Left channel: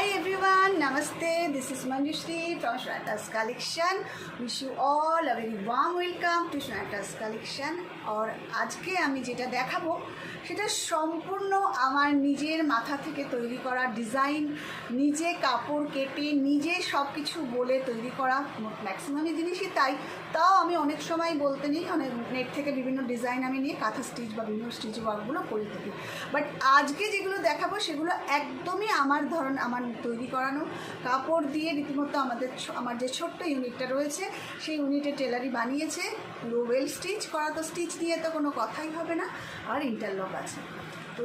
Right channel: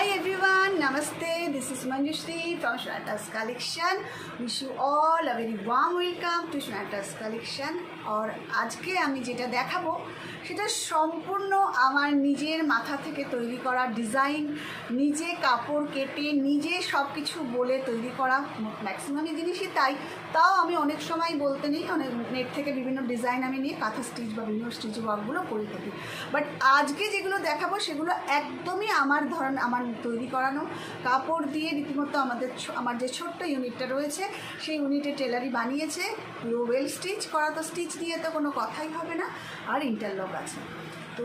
Hi everyone, Namaste. This is Manjushri from Shweta's Collection. Wish you all a very warm welcome to Shweta's Collection. और আজকে আমি যেটা দেখাবো সেটা সম্পূর্ণ আমার নিজের মাথা থেকে তৈরি করা ডিজাইন, নিজে কাপড় কেটে নিজে সব কিছু বলে তৈরি করা ম্যাক্সিমামই জিনিসই তাই। তাও আমি অনেক সময় বলতে নেই, অনেক নেট থেকে বিভিন্ন ডিজাইন আমি নিয়ে কাঁথা স্টিচ বা বিভিন্ন স্টিচ ওয়ার্কগুলো করে থাকি। বাট আজকে যেগুলো দেখাবো সেগুলো একদমই আমার আমার তৈরি করানো কাপড় দিয়ে রীতিমতো আমার যে ছোট্ট ইউনিটটা রয়েছে সেই ইউনিটে টেলারই বানিয়েছে। পুরো ওয়েল স্টিচ করা, তো স্টিচ নিয়ে তো কোনো কথাই হবে না, আর ইন্টারলক আছে। তো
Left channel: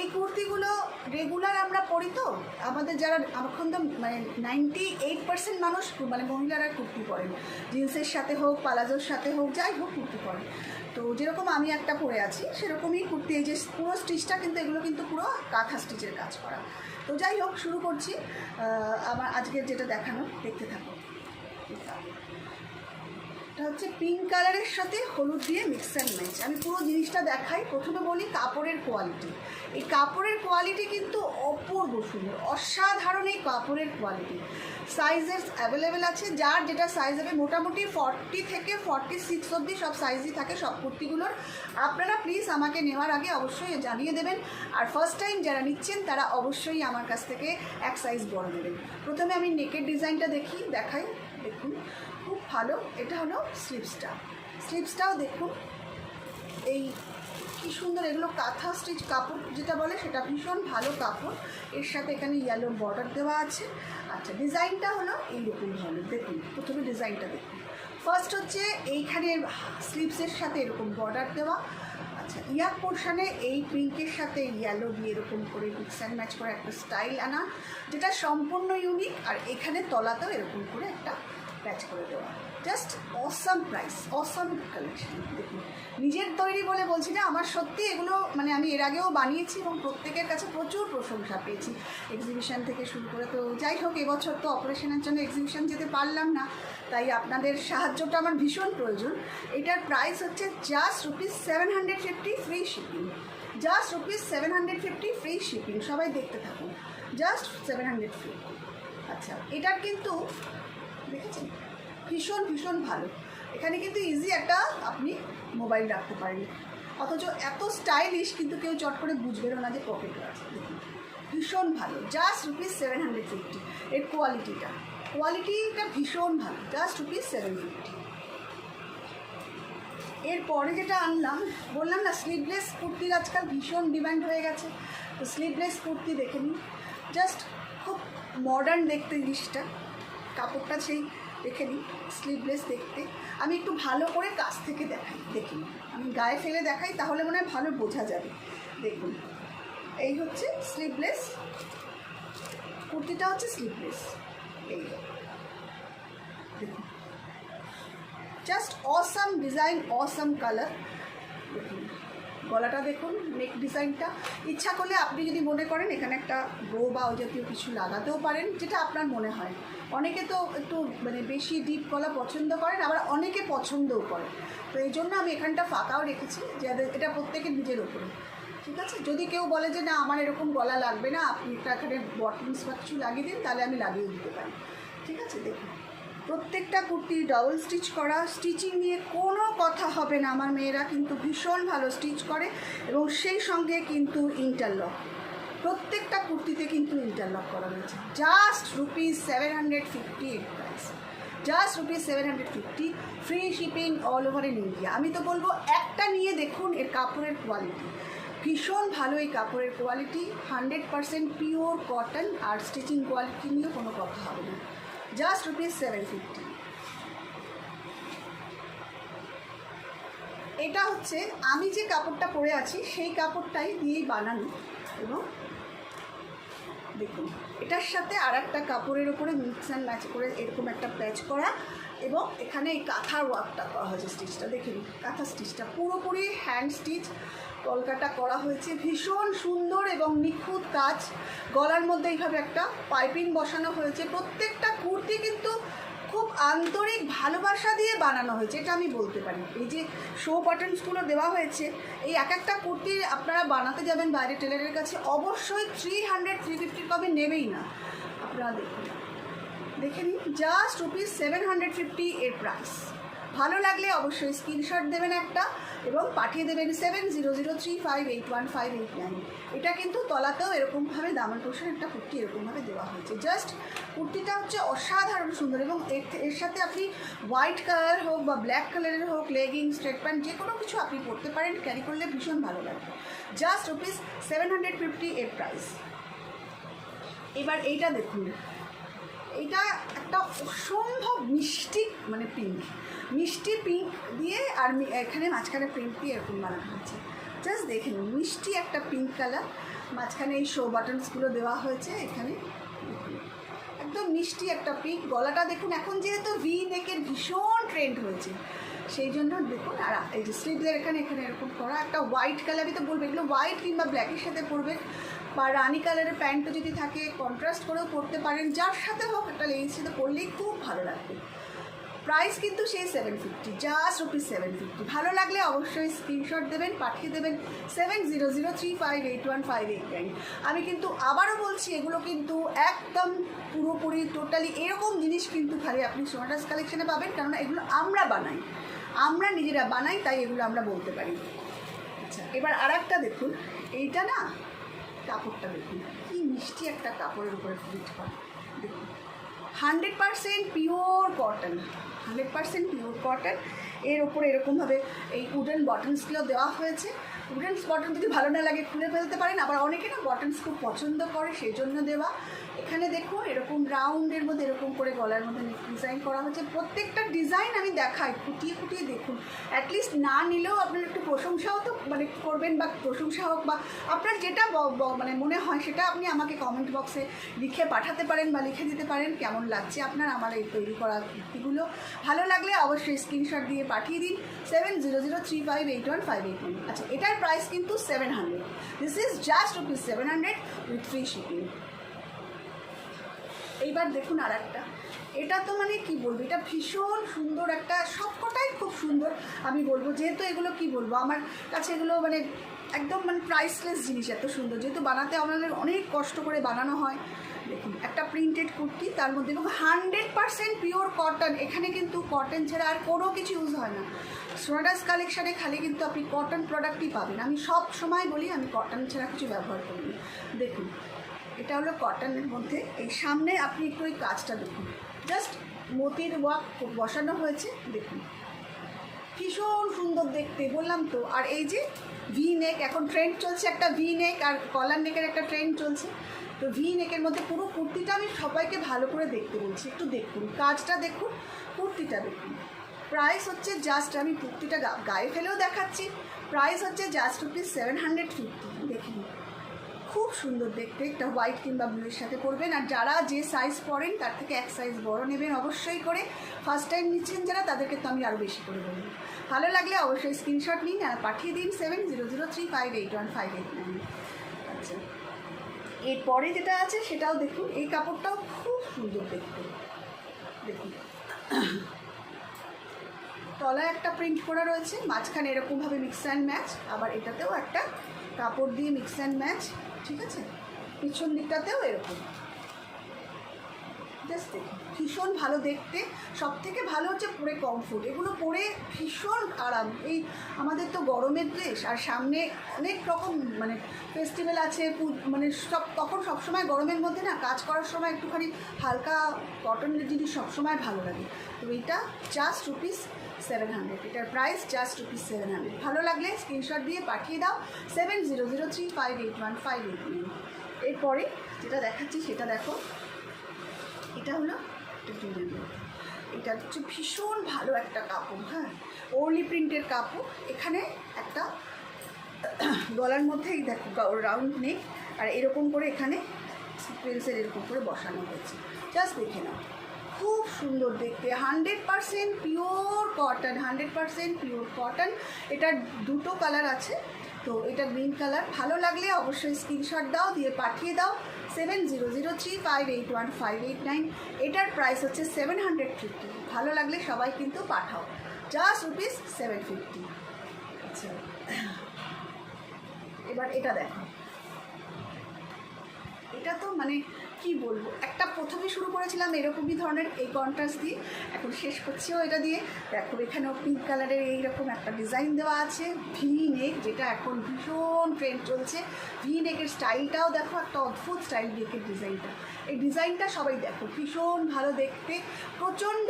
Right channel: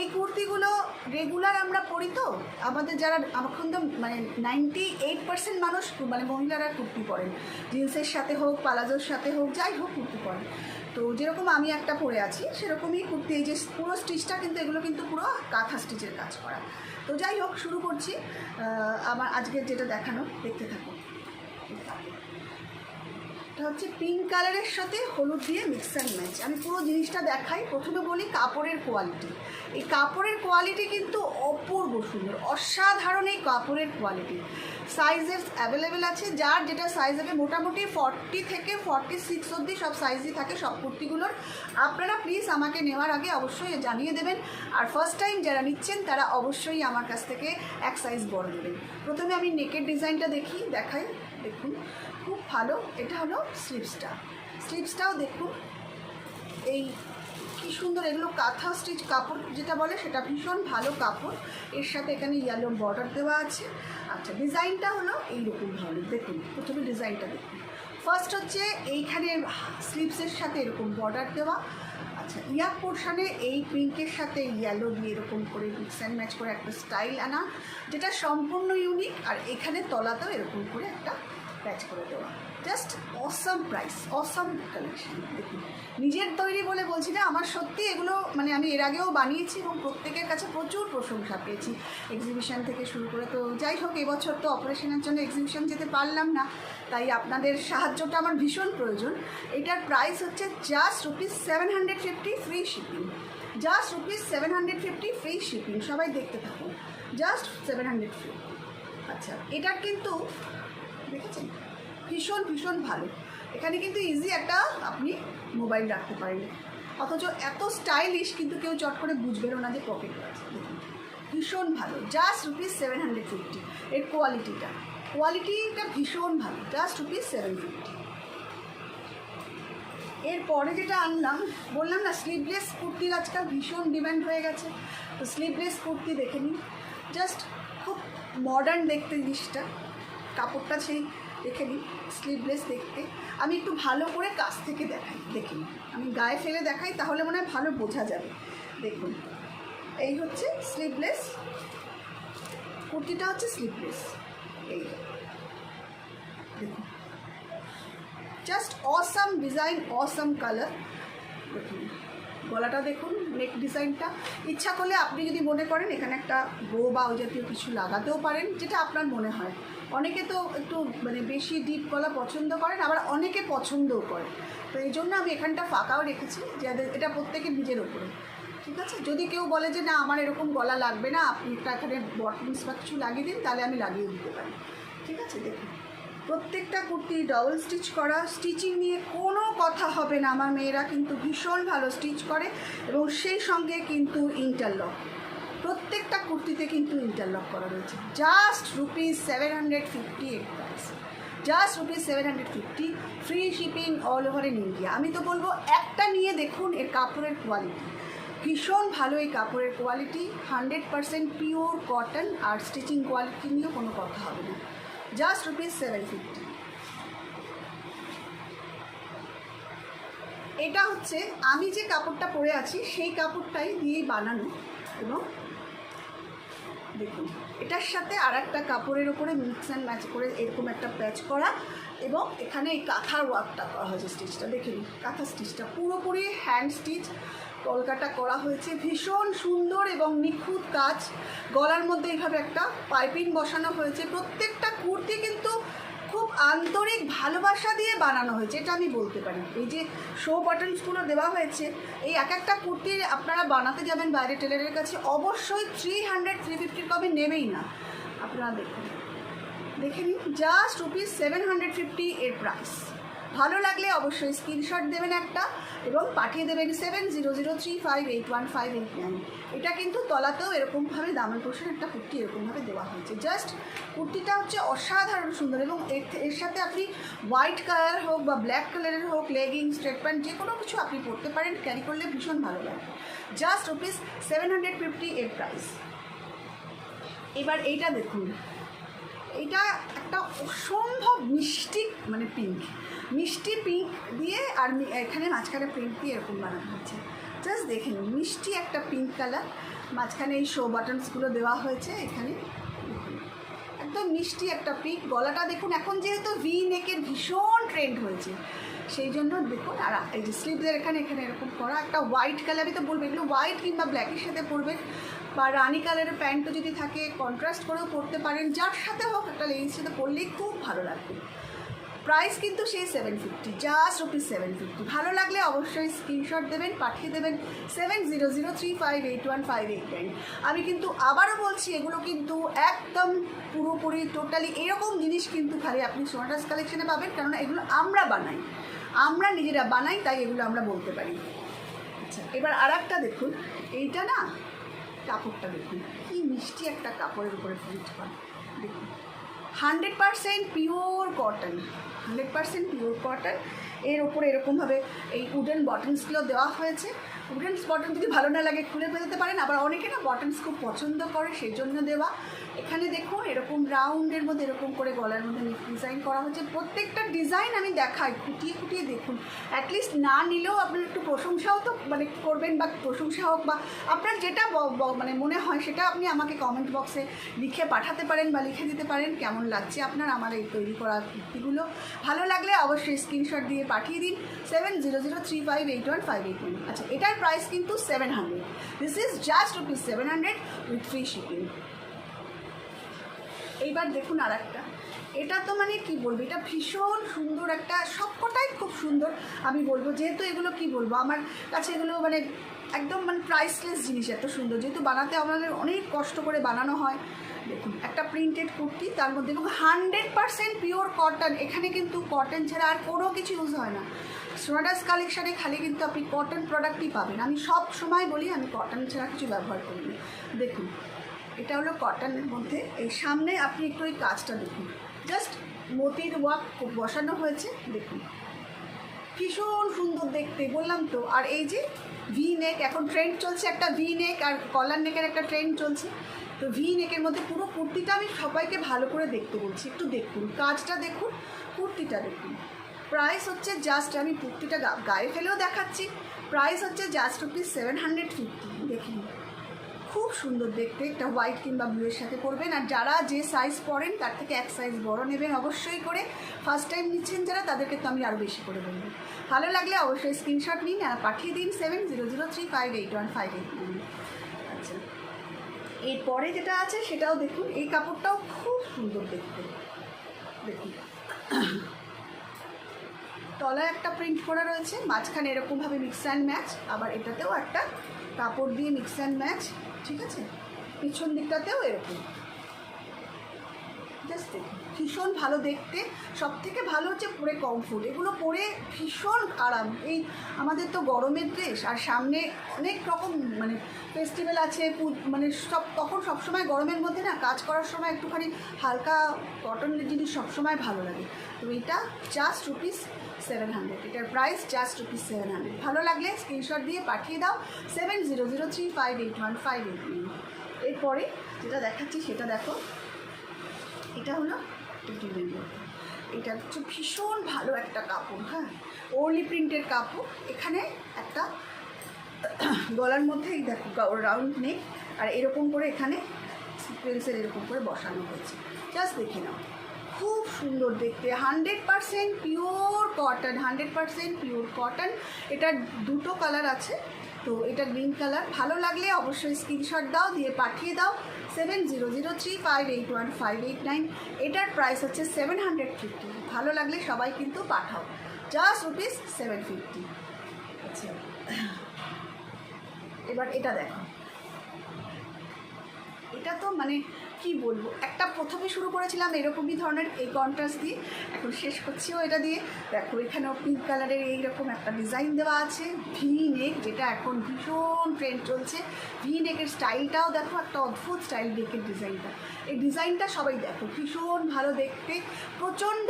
এই কুর্তিগুলো রেগুলার আমরা পরি, তো আমাদের যারা এখন তো মানে 98% মানুষ মানে মহিলারা কুর্তি পরেন, জিন্সের সাথে হোক পালাজোর সাথে হোক যাই হোক কুর্তি পরেন। তো যেরকম আমি একটা পরে আছি সেরকমই কুর্তি, এই যে পুরো স্টিচটা কিন্তু এগুলো কিন্তু পুরো কাঁথা স্টিচের কাজ করা। তো যাই হোক শুরু করছি আমার আজকের যেটা দেখানো, দেখতে থাকো। এটা হচ্ছে পিঙ্ক কালারের সাথে হলুদ দিয়ে মিক্স অ্যান্ড ম্যাচ। আমি পুরো জিনিসটা দেখাই। প্রথমে বলি কাপড়ের কোয়ালিটি। এই কাপড়ের কোয়ালিটি কিন্তু অপূর্ব সুন্দর, অসাধারণ এই কাপড়ের কোয়ালিটি। সাইজেস অ্যাভেলেবেল আছে, যার যেটা সাইজ হবে। মোটামুটি 40 থেকে 46 অবধি সব সাইজই থাকে সব কুর্তিগুলোর। আপনারা প্লিজ আমাকে নেওয়ার আগে অবশ্যই জানিয়ে দেবেন, আর ফার্স্ট টাইম যারা নিচ্ছেন তারা অবশ্যই আমার কাছ থেকে এক সাইজ বড় নেবেন। প্রথমে আমি নেকের ডিজাইনটা দেখাই। দেখুন খুব ভালো, এটা হলো স্লিভসটাও দেখুন এই কি সুন্দর। এগুলো কাঁথা স্টিচ কাপড় যেটা বলে সেটা ভীষণ ভালো কাপড়। এর সাথে এখানে ইয়েলো বর্ডার দেওয়া আছে। আচ্ছা, ডিজাইনটা হলো এইরকম ধরনের। দেখুন প্রথমে ডিজাইনটা দেখুন। ফার্স্ট হচ্ছে এইখানে স্লিভসের সাথে এরকম বর্ডার দেওয়া। আচ্ছা, ইয়ার পোর্শানে এই পিঙ্কের সাথে ইয়েলো দিয়ে এরকম করে মিক্স অ্যান্ড ম্যাচ করে একটা স্টাইল আনা, যেটা সম্পূর্ণ ইউনিক। আর এখানে তলাতেও এরকম করে একটা প্যাচ করে দেওয়া। Just awesome price, awesome collection. দেখুন নিজের তৈরি বলে বলছি না, আমার সত্যি এগুলো মানে আমি এর আগেও বানিয়েছি এবং প্রত্যেকের কাছে প্রচুর প্রশংসা পেয়েছি, এক্সিবিশন থেকে শুরু করে। তো যাই হোক, এবছর তো অপারেশনের জন্য এক্সিবিশন যেতে পারলাম না, তাই আপনাদের সাহায্যটা আমার ভীষণ প্রয়োজন। এটার প্রাইস হচ্ছে just ₹750 free shipping. Just ₹750 free shipping. সবাই দেখতে থাকুন, জাস্ট 750। আচ্ছা, এটার কিন্তু দেখেছেন ভীষণ ভালো। এখানে কিন্তু ইজি একটা আপনি মোবাইল রাখতে পারেন, অথচ এত স্টাইলিশ কিন্তু কেউ চট করে বুঝবেও না যে পকেটে আছে। দেখুন ভীষণ ভালো, জাস্ট ₹750। এর কোয়ালিটিটা ভীষণ ভালো, জাস্ট ₹750। এরপরে যেটা আনলাম, বললাম না স্লিভলেস কুর্তির আজকাল ভীষণ ডিমান্ড হয়ে গেছে। তো স্লিভলেস কুর্তি দেখে নিন, জাস্ট খুব মডার্ন দেখতে জিনিসটা। কাপড়টা সেই দেখে নিই, স্লিভলেস দেখতে। আমি একটু ভালো করে কাছ থেকে দেখাই, দেখুন আমি গায়ে ফেলে দেখাই, তাহলে মনে হয় ভালো বোঝা যাবে। দেখুন এই হচ্ছে স্লিভলেস কুর্তিটা, হচ্ছে স্লিভলেস। এই দেখুন just awesome design, awesome colour. দেখুন গলাটা দেখুন, নেক ডিজাইনটা। ইচ্ছা করলে আপনি যদি মনে করেন এখানে একটা বো বা ওই জাতীয় কিছু লাগাতেও পারেন, যেটা আপনার মনে হয়। অনেকে তো একটু মানে বেশি ডিপ গলা পছন্দ করেন, আবার অনেকে পছন্দও করে। তো এই জন্য আমি এখানটা ফাঁকাও রেখেছি, যে এটা প্রত্যেকের নিজের ওপরে, ঠিক আছে। যদি কেউ বলে যে না আমার এরকম গলা লাগবে না, আপনি এখানে বটমস বা কিছু লাগিয়ে দিন, তাহলে আমি লাগিয়ে দিতে পারি, ঠিক আছে। দেখুন প্রত্যেকটা কুর্তি ডবল স্টিচ করা, স্টিচিং নিয়ে কোনো কথা হবে না। আমার মেয়েরা কিন্তু ভীষণ ভালো স্টিচ করে, এবং সেই সঙ্গে কিন্তু ইন্টারলক, প্রত্যেকটা কুর্তিতে কিন্তু ইন্টারলক করা রয়েছে। জাস্ট ₹750 এর price, just ₹750 free shipping all over in India. আমি তো বলবো একটা নিয়ে দেখুন এর কাপড়ের কোয়ালিটি, ভীষণ ভালো এই কাপড়ের কোয়ালিটি। 100% পিওর কটন, আর স্টিচিং কোয়ালিটি নিয়েও কোনো কথা হবে না। জাস্ট ₹750। এটা হচ্ছে আমি যে কাপড়টা পরে আছি সেই কাপড়টাই দিয়েই বানানো, এবং দেখুন এটার সাথে আর একটা কাপড়ের ওপরে মিক্স অ্যান্ড ম্যাচ করে এরকম একটা প্যাচ করা, এবং এখানে এই কাঁথার ওয়ার্কটা করা হয়েছে। স্টিচটা দেখে নিন, কাঁথা স্টিচটা পুরোপুরি হ্যান্ড স্টিচ, কলকাটা করা হয়েছে, ভীষণ সুন্দর এবং নিখুঁত কাজ। গলার মধ্যে এইভাবে একটা পাইপিং বসানো হয়েছে। প্রত্যেকটা কুর্তি কিন্তু খুব আন্তরিক ভালোবাসা দিয়ে বানানো হয়েছে, এটা আমি বলতে পারি। এই যে শো বাটনসগুলো দেওয়া হয়েছে, এই এক একটা কুর্তি আপনারা বানাতে যাবেন বাইরে টেলারের কাছে, অবশ্যই 300-350 কমে নেবেই না। আপনারা দেখে নিন, জাস্ট ₹750 এর প্রাইস। ভালো লাগলে অবশ্যই স্ক্রিনশট দেবেন একটা এবং পাঠিয়ে দেবেন 7003581589। এটা কিন্তু তলাতেও এরকমভাবে দামের পোর্শন একটা কুর্তি এরকমভাবে দেওয়া হয়েছে। জাস্ট কুর্তিটা হচ্ছে অসাধারণ সুন্দর এবং এর সাথে আপনি হোয়াইট কালার হোক বা ব্ল্যাক কালারের হোক, লেগিং, স্ট্রেট প্যান্ট যে কোনো কিছু আপনি পরতে পারেন, ক্যারি করলে ভীষণ ভালো লাগে। জাস্ট ₹750 এর প্রাইস। এবার এইটা দেখুন, এটা একটা অসম্ভব মিষ্টি মানে পিঙ্ক, মিষ্টি পিঙ্ক দিয়ে আর এখানে মাঝখানে প্রিন্ট দিয়ে এরকম বানানো হয়েছে। জাস্ট দেখে নিন, মিষ্টি একটা পিঙ্ক কালার, মাঝখানে এই শো বাটনসগুলো দেওয়া হয়েছে, এখানে একদম মিষ্টি একটা পিঙ্ক। গলাটা দেখুন, এখন যেহেতু ভি নেকের ভীষণ ট্রেন্ড হয়েছে সেই জন্য দেখুন। আর এই যে স্লিভসের এখানে এরকম করা একটা হোয়াইট কালারই তো বলবে, এগুলো হোয়াইট কিংবা ব্ল্যাকের সাথে পরবে, বা রানি কালারের প্যান্টও যদি থাকে কন্ট্রাস্ট করেও পরতে পারেন, যার সাথে হোক একটা লেগিংসের সাথে পরলেই খুব ভালো লাগবে। প্রাইস কিন্তু সেই 750, জাস্ট ₹750। ভালো লাগলে অবশ্যই স্ক্রিনশট দেবেন, পাঠিয়ে দেবেন 7003581589। আমি কিন্তু আবারও বলছি, এগুলো কিন্তু একদম পুরোপুরি টোটালি এরকম জিনিস কিন্তু খালি আপনি সোনাটাস কালেকশনে পাবেন, কারণ এগুলো আমরা বানাই, আমরা নিজেরা বানাই, তাই এগুলো আমরা বলতে পারি। আচ্ছা, এবার আর একটা দেখুন, এইটা না কাপড়টা দেখুন, কি মিষ্টি একটা কাপড়ের উপরে প্রিন্ট করা, দেখুন 100% পিওর কটন, 100% পিওর কটন। এর ওপরে এরকমভাবে এই উডেন বটনসগুলো দেওয়া হয়েছে। উডেন বটন যদি ভালো না লাগে খুলে ফেলতে পারেন, আবার অনেকে না বটনস খুব পছন্দ করে, সেই জন্য দেওয়া। এখানে দেখুন এরকম রাউন্ডের মধ্যে এরকম করে গলার মধ্যে ডিজাইন করা হয়েছে। প্রত্যেকটা ডিজাইন আমি দেখাই, খুঁটিয়ে খুঁটিয়ে দেখুন। অ্যাটলিস্ট না নিলেও আপনার একটু প্রশংসাও তো মানে করবেন, বা প্রশংসা হোক বা আপনার যেটা মানে মনে হয় সেটা আপনি আমাকে কমেন্ট বক্সে লিখে পাঠাতে পারেন বা লিখে দিতে পারেন কেমন লাগছে আপনার আমার এই তৈরি করা কুর্তিগুলো। ভালো লাগলে অবশ্যই স্ক্রিনশট দিয়ে পাঠিয়ে দিন 7003581589। আচ্ছা, এটার প্রাইস কিন্তু 700। This is just ₹700 with free shipping. এইবার দেখুন আর একটা, এটা তো মানে কি বলবো, এটা ভীষণ সুন্দর একটা, সবকটাই খুব সুন্দর আমি বলবো। যেহেতু এগুলো কি বলবো, আমার কাছে এগুলো মানে একদম মানে প্রাইসলেস জিনিস, এত সুন্দর, যেহেতু বানাতে আমাদের অনেক কষ্ট করে বানানো হয়। দেখুন একটা প্রিন্টেড কুর্তি, তার মধ্যে এবং 100% পিওর কটন। এখানে কিন্তু কটন ছাড়া আর কোনো কিছু ইউজ হয় না। সোনাটাস কালেকশানে খালি কিন্তু আপনি কটন প্রোডাক্টই পাবেন। আমি সব সময় বলি আমি কটন ছাড়া কিছু ব্যবহার করি। দেখুন এটা হলো কটনের মধ্যে, এই সামনে আপনি একটু ওই কাজটা দেখুন, জাস্ট মতির ওয়ার্ক বসানো হয়েছে, দেখুন ভীষণ সুন্দর দেখতে, বললাম তো। আর এই যে ভি নেক, এখন ট্রেন্ড চলছে একটা ভি নেক আর কলার নেকের একটা ট্রেন্ড চলছে, তো ভি নেকের মধ্যে পুরো কুর্তিটা আমি সবাইকে ভালো করে দেখতে বলছি, একটু দেখুন কাজটা দেখুন, কুর্তিটা দেখুন। প্রাইস হচ্ছে জাস্ট, আমি কুর্তিটা গায়ে ফেলেও দেখাচ্ছি, প্রাইস হচ্ছে জাস্ট ₹750। দেখুন খুব সুন্দর দেখতে, এটা হোয়াইট কিংবা ব্লুয়ের সাথে পরবেন। আর যারা যে সাইজ পরেন তার থেকে এক সাইজ বড় নেবেন অবশ্যই করে। ফার্স্ট টাইম নিচ্ছেন যারা, তাদেরকে তো আমি আরও বেশি করে বলবো। ভালো লাগলে অবশ্যই স্ক্রিনশট নিন আর পাঠিয়ে দিন 7003581589। আচ্ছা, এরপরে যেটা আছে সেটাও দেখুন, এই কাপড়টাও খুব সুন্দর দেখতে, দেখুন তলায় একটা প্রিন্ট করা রয়েছে, মাঝখানে এরকমভাবে মিক্স অ্যান্ড ম্যাচ, আবার এটাতেও একটা কাপড় দিয়ে মিক্স অ্যান্ড ম্যাচ, ঠিক আছে। পিছন দিকটাতেও এরকম, জাস্ট দেখুন ভীষণ ভালো দেখতে। সব থেকে ভালো হচ্ছে পরে কমফোর্ট, এগুলো পরে ভীষণ আরাম। এই আমাদের তো গরমের ড্রেস, আর সামনে অনেক রকম মানে ফেস্টিভ্যাল আছে, মানে তখন সবসময় গরমের মধ্যে না কাজ করার সময় একটুখানি হালকা কটনের জিনিস সবসময় ভালো লাগে। তো এটা জাস্ট ₹700, এটার প্রাইস জাস্ট ₹700। ভালো লাগলে স্ক্রিনশট দিয়ে পাঠিয়ে দাও 7003581589। এরপরে যেটা দেখাচ্ছি সেটা দেখো, এটা হলো এটা হচ্ছে ভীষণ ভালো একটা কাপড়, হ্যাঁ ওরলি প্রিন্টের কাপড়। এখানে একটা গলার মধ্যেই দেখো রাউন্ড নেক, আর এরকম করে এখানে সিকোয়েন্সের এরকম করে বসানো হয়েছে, জাস্ট দেখে নাও খুব সুন্দর দেখতে। 100% পিওর কটন, 100% পিওর কটন। এটার দুটো কালার আছে, তো এটা গ্রিন কালার। ভালো লাগলে অবশ্যই স্ক্রিনশট দাও, দিয়ে পাঠিয়ে দাও 7003581589। এটার প্রাইস হচ্ছে 750। ভালো লাগলে সবাই কিন্তু পাঠাও, জাস্ট রুপিস 750। আচ্ছা, এবার এটা দেখো, এটা তো মানে কি বলবো, একটা প্রথমে শুরু করেছিলাম এরকমই ধরনের এই কন্ট্রাস্ট দিয়ে, এখন শেষ করছিও এটা দিয়ে। দেখো এখানেও পিঙ্ক কালারের এইরকম একটা ডিজাইন দেওয়া আছে, ভি নেক, যেটা এখন ভীষণ ট্রেন্ড চলছে। ভি নেকের স্টাইলটাও দেখো, একটা অদ্ভুত স্টাইল নেকের ডিজাইনটা। এই ডিজাইনটা সবাই দেখো, ভীষণ ভালো দেখতে, প্রচণ্ড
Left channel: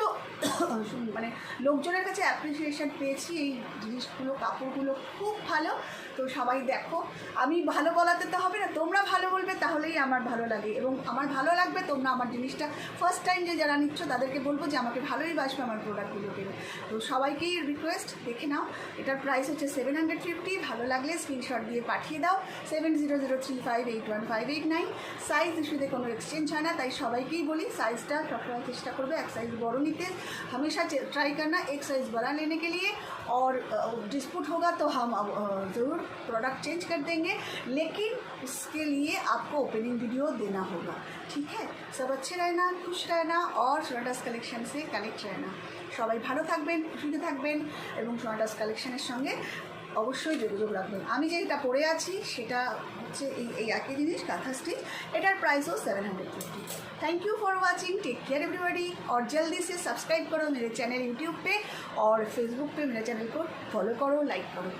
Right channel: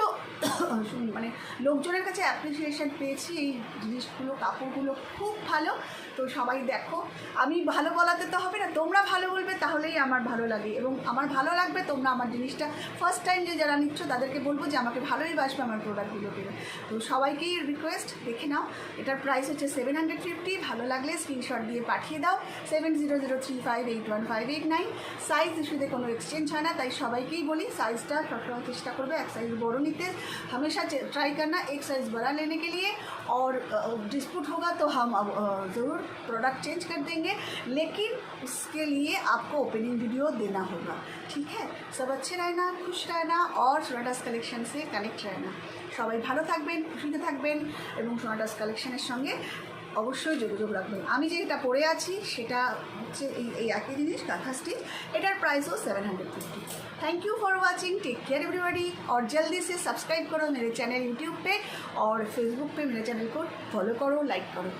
মানে লোকজনের কাছে অ্যাপ্রিসিয়েশন পেয়েছি এই জিনিসগুলো, কাপড়গুলো খুব ভালো। তো সবাই দেখো, আমি ভালো বলাতে তো হবে না, তোমরা ভালো বলবে তাহলেই আমার ভালো লাগে, এবং আমার ভালো লাগবে। তোমরা আমার জিনিসটা ফার্স্ট টাইম যে যারা নিচ্ছ তাদেরকে বলবো যে আমাকে ভালোই বাসবে আমার প্রোডাক্টগুলো পেলে। তো সবাইকেই রিকোয়েস্ট, দেখে নাও। এটার প্রাইস হচ্ছে 750। ভালো লাগলে স্ক্রিনশট দিয়ে পাঠিয়ে দাও 7003581589। সাইজ ইস্যুতে কোনো এক্সচেঞ্জ হয় না, তাই সবাইকেই বলি সাইজটা সবসময় চেষ্টা করবে এক সাইজ বড় নিতে। हमेशा ट्राई करना एक साइज़ बड़ा लेने के लिए, और डिस्प्यूट होगा तो हम ज़रूर प्रोडक्ट चेंज कर देंगे, लेकिन उसके लिए आपको ओपनिंग वीडियो देना होगा। ठीक है, सब अच्छे रहना, खुश रहना, और सोनाटास कलेक्शन से कनेक्ट रहना। সবাই ভালো থাকবেন, খুশিতে থাকবেন, এবং সোনাটাস কালেকশনের সঙ্গে অবশ্যই যোগাযোগ রাখবেন। আমি যেটা পরে আছি সেটা হচ্ছে এই একই জিনিস, काथा स्टिच। एटार प्राइसও 750। Thank you for watching, take care everybody, और जल्दी से सब्सक्राइब करो मेरे चैनल यूट्यूब पे, और फेसबुक पे मेरे चैनल को फॉलो करो, लाइक करो।